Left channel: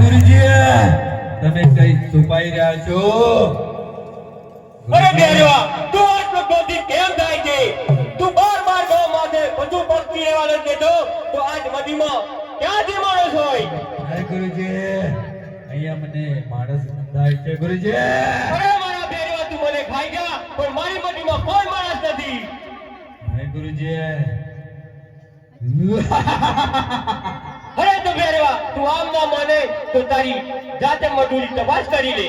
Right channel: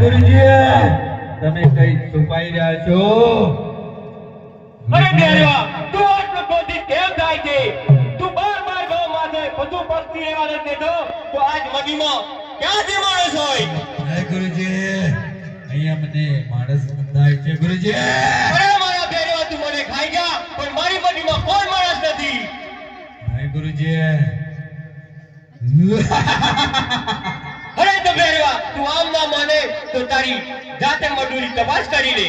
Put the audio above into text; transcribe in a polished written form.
ગુરુજી તમે કઈ છુપાઈ રહ્યા છો? અરે બેરવા તું આટલો ક્રોધિત કેમ થાય છે? તું બાર ગો માથે બધું પડતી રહેવા નથી દેતો તો આજ નદીમાં ક્યાંથી માણસ હોય? હે ગુરુજી અહીંયા મને માણસ બંધાય છે ગુરુજી. અરે મારા બેરવા તું મને ખાઈ જા પણ મારી નદીમાં કોઈ માણસ નથી. હે ગુરુજી અરે તો બેરવા તું આમ ના માને તો તારી જાતે મોઢુની તપાસ કરી લે.